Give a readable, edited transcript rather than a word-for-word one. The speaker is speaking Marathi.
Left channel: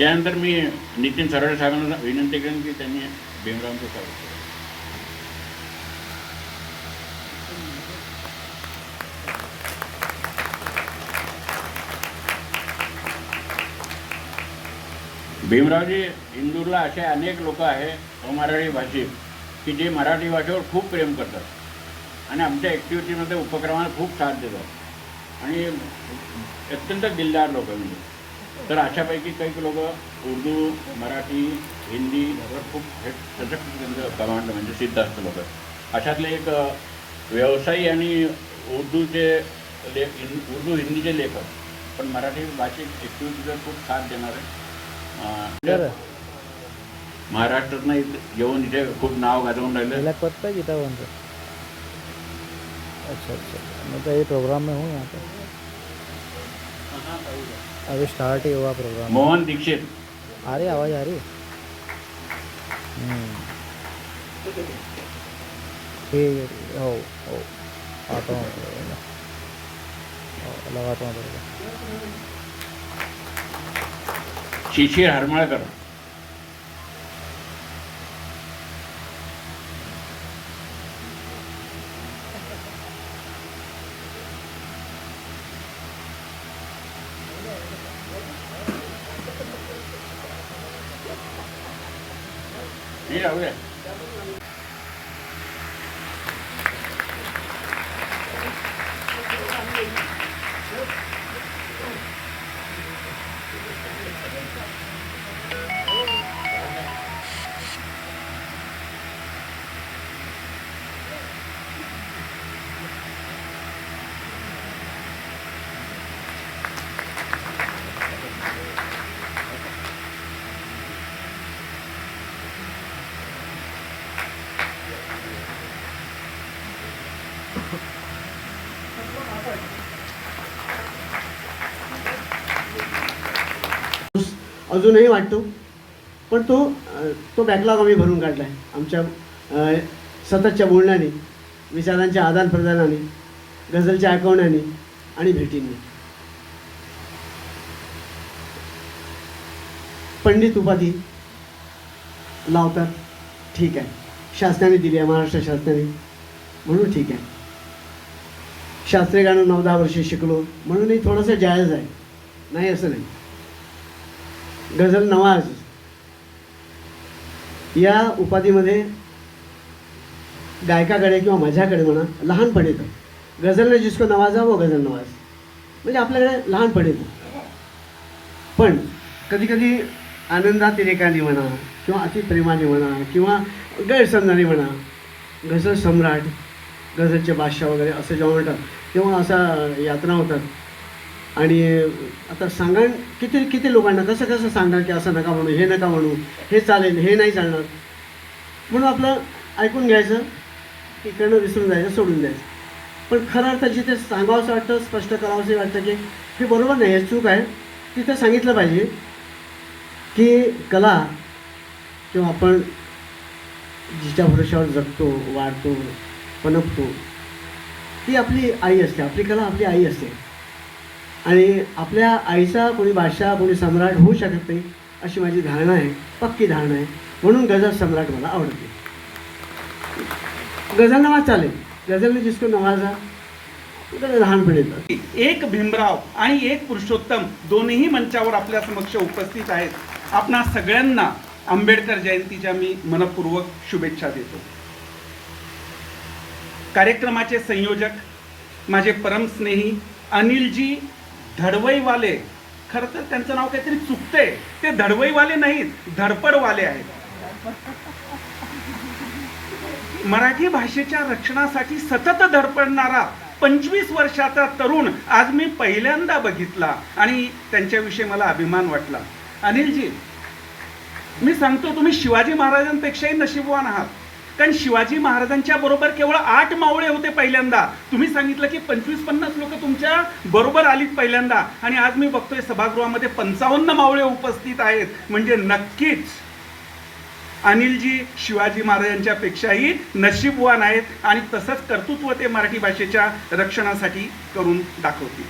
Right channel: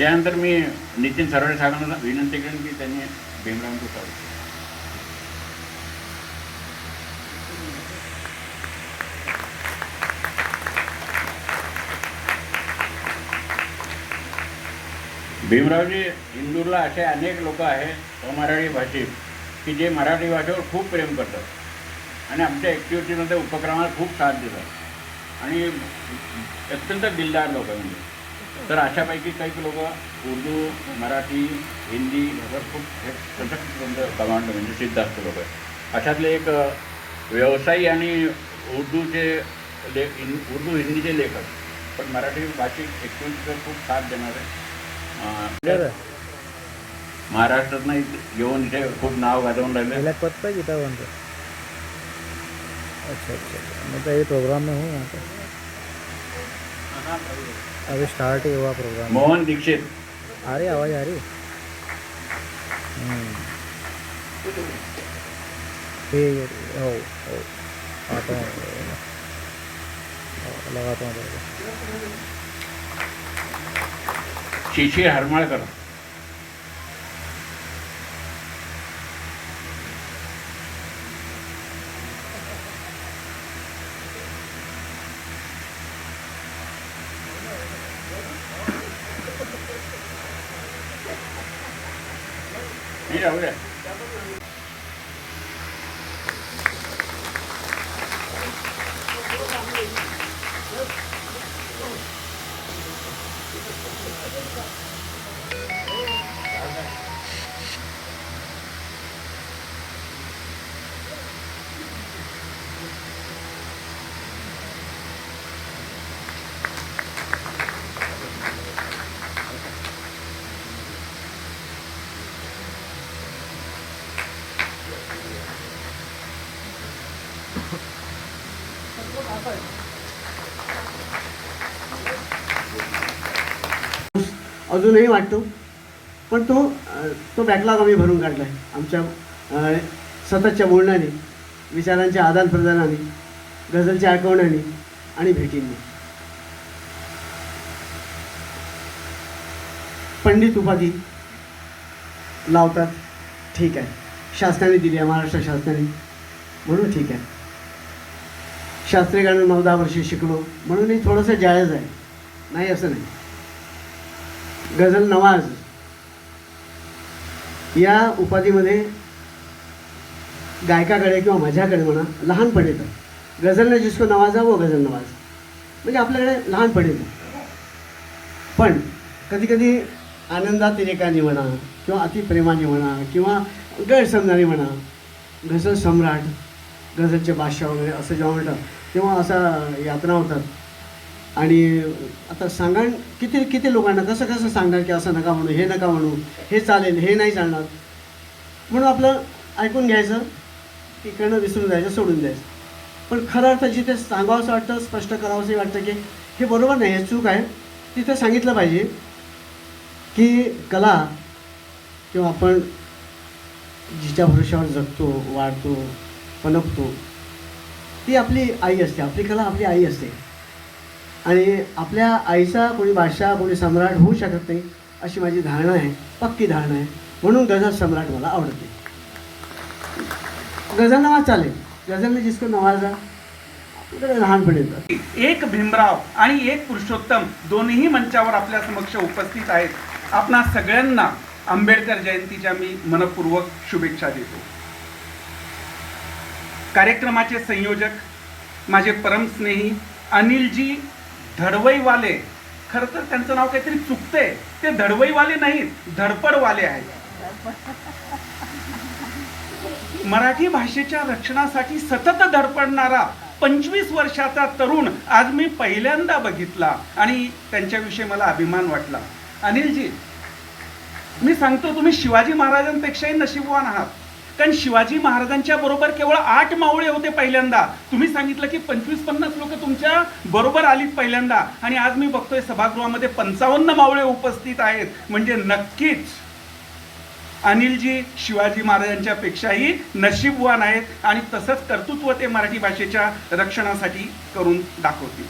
यानंतर मी नितीन सरवडे साहेबांना विनंती करेन की त्यांनी भीमरावांचं स्वागत करावं. भीमरावजी, इंदूरला असे अनेक लोक आहेत अमराठी भाषिक की जे मराठी भाषेवर खूप प्रेम करतात आणि आमच्या ॲक्टिव्हिटीमध्ये उपक्रमाला खूप साथ देतात आणि अत्यंत दिलदार लोक म्हणजे. तर अशापैकी काही लोक उर्दू, मराठी, हिंदी यावर खूप सशक्त कमांड म्हणजे सिद्ध असतं लोक. अशातले एक व्यवसायी आणि उर्दूचे उर्दू हिंदीचे लेखक पण मराठी भाषिक ॲक्टिव्हिटीवर खूप साथ देणारे महाराष्ट्रातनं येऊन इथे खूप नाव गाजवून राहिले. पता गीता बंद. अच्छा अच्छा, मैं तो ये प्रोग्राम में हूँ यहाँ पे, अभी स्टार्ट ही हुआ प्रोग्राम. मोहन दीक्षित. आ रही आवाज़ आ रही. ठीक है. हो हो आता हूँ, लगाता हूँ बरोबर. शिशिर हरमाळकर. हे राहू द्या. अजूनही वाटतो, पण तो बॅकलॉग आम्ही भरून काढला आहे आमच्या सततच्या बोलण्याने, विचारांच्या आदानप्रदानाने, गझलच्या ऐकवण्याने आणि भेटींनी. पंडित उपाधी लावतात, ठीक आहे, शासनाने दिली आहे, महाराष्ट्र शासनाने, म्हणून ठीक आहे. शास्त्रीय गाणं 9-10 वर्षे शिकलो म्हणूनही थोडंसं जायज आहे, नाही असं नाही. गझल नवाज या उपाधीमध्ये गायकाकडे किंवा माझ्याकडे म्हणा लहानपण येतं. गझलने जिसको नवाजा वो गझल नवाज, म्हणजे आपल्याकडे लहानपण येतं. पण कधी कधी आनंदातिरेकाने म्हणा किंवा अतिप्रेमाने म्हणा किंवा गैरसमजाने म्हणा, गझल सम्राट, गझलचे बादशाह वगैरे असं जेव्हा म्हणतात तेव्हा असा यातना होतात. आणि आता सांगा किती लोकांना कसं सांगा की असं नका म्हणू, हे नका म्हणू, हे चालेल, हे नाही चालणार, म्हणून आपलं ऐकून घ्यायचं, इकडनं विसरून जायचं, सोडून द्यायचं. पण खरं अर्थ जिथे सांगावंसं वाटतं, स्पष्ट करावंसं वाटतं की हे बरोबर नाही, हे चूक आहे, तिथं सांगितलं पाहिजे की कला किंवा आपण जिच्या भरोशावर जगतो, वाढतो, पनपतो, ती आपली आई असते. आपली कला आपली आई असते आणि आपल्या आईचा कोणी बादशाह, कोणी सम्राट होऊ शकत नाही, अशी माझी धारणा आहे, पक्की धारणा आहे. म्हणून गझल सम्राट मला आवडते. गझल नवाज चालेल, गझलने जिसको नवाजा लहानपण येतं. एक भीमराव आणि एक पुरुषोत्तम दोन्ही मंचावर आपल्या समक्ष उपस्थित आहेत. आपणा सगळ्यांना आंबेडकर जयंतीच्या मी मनपूर्वक शुभेच्छा देतो. कार्यक्रमाचे संयोजक माझे परमस्नेही अनिलजी धडवईवाले, खरं तर त्यांचं नाव काहीतरी चुकतंय, ते धडवईवाले नाहीत, धडपडवाले आहेत. मराठी भाषेच्या रक्षणासाठी सतत धडपडणारा 25 वर्षाचा तरुण आज मी पहिल्यांदा बघितला आणि त्यांच्याविषयी मला अभिमान वाटला. अनिलजी, मी सांगतो तुम्ही शिवाजी महाराजांपेक्षाही नशीबवान आहात, कारण शिवाजी महाराजांच्या बरोबर केवळ 8 मावळे होते पहिल्यांदा. तुम्ही सांगितलं की 25-50 लोक तुमच्या बरोबर आलीत पहिल्यांदा, आणि आज मी बघतोय सभागृहामध्ये 55 मावळे उपस्थित आहेत. म्हणजे नक्कीच अनिलजी शिवाजी महाराजांच्या पेक्षाही नशीबवान आहेत आणि तसंच कर्तृत्व ते मराठी भाषेच्या रक्षणासाठी करून दाखवतील.